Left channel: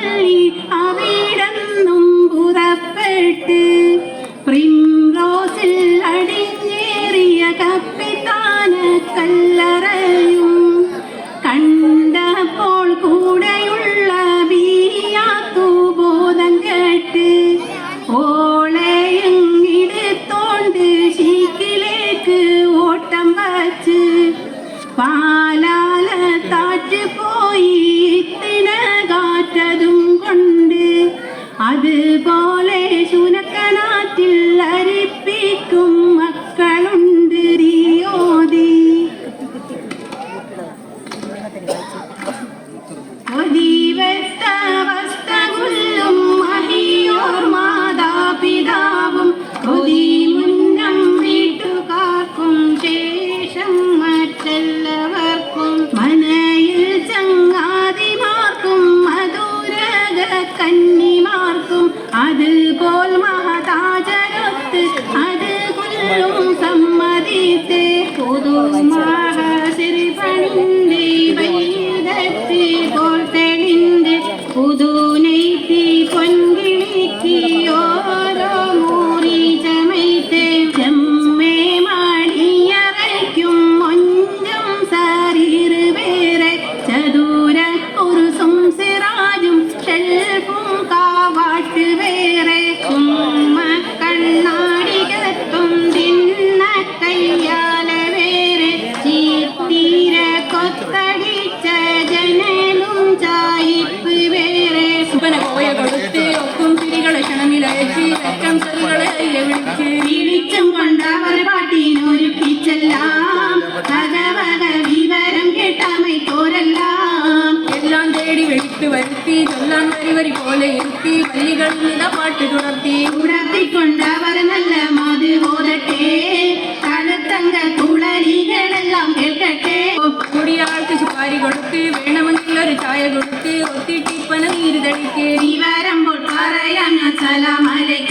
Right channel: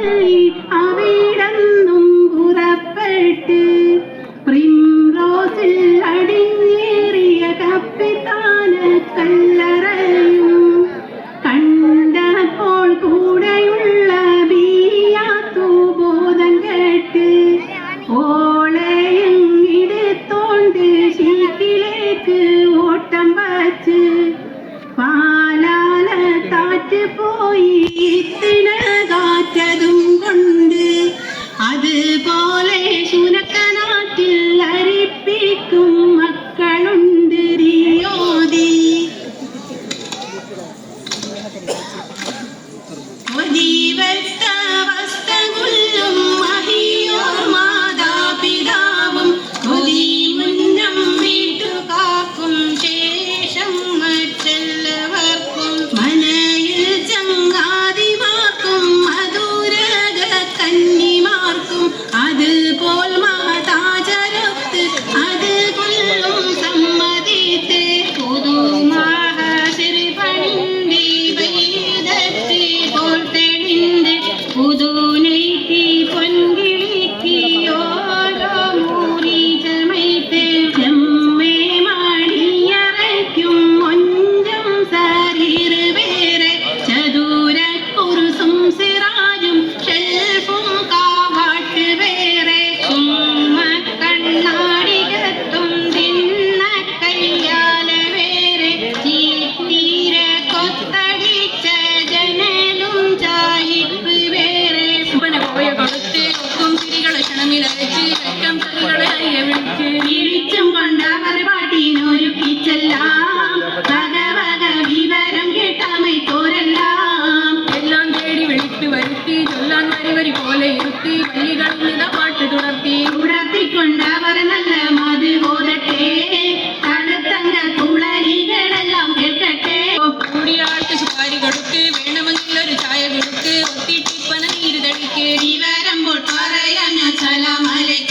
ചൊല്ലി അവിടന്നും പുറപ്പെട്ട് പ്രിംറോസിൽ അടിഞ്ഞേറിയ കപ്പിത്താന കല്ലറയും കണ്ടപ്പോൾ കൂടെയുള്ള ബീയാത്തു ബോധം കേട്ട് ഓളയും ഇടുത്തോണ്ട് ശീക്കിലേക്ക് ഓട്ടം വച്ച് പാലാല താറ്റ് പോയി തിണ ണമങ്ങളൊരു ചായ കൊടുത്ത് ഒത്തിട്ടിപ്പണം ഇരുതടിക്ക് നീ വരമ്പോൾ പറയാൻ സലാം അലൈക്കും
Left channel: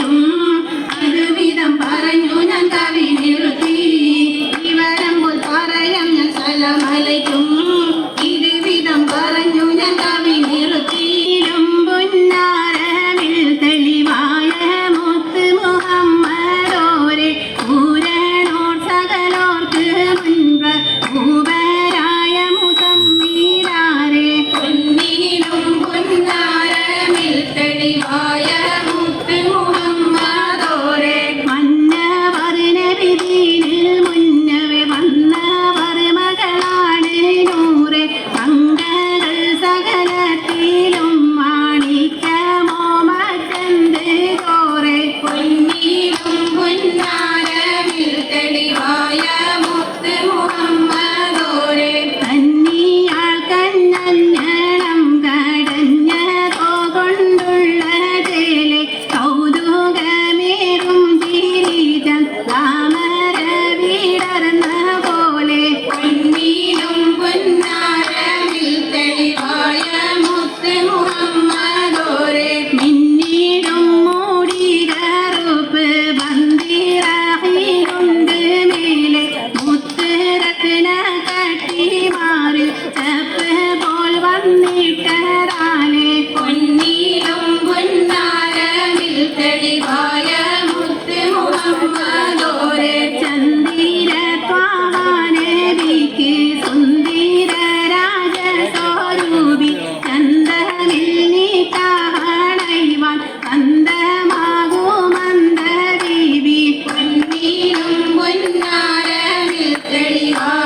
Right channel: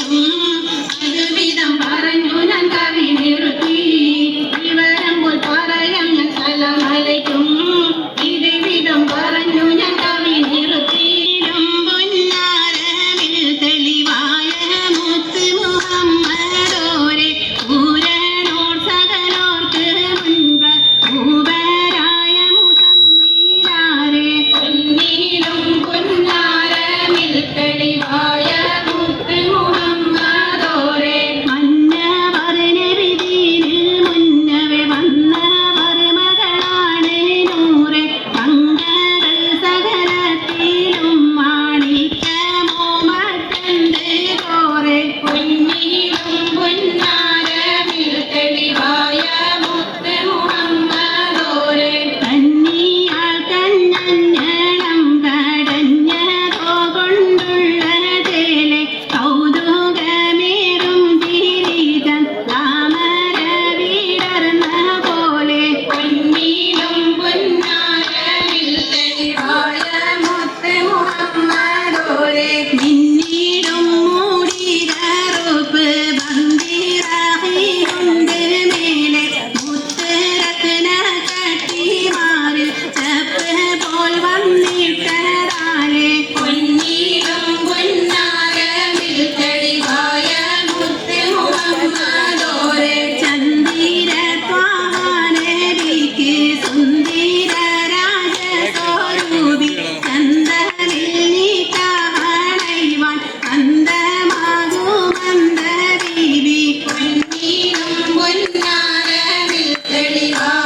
Lady Mom.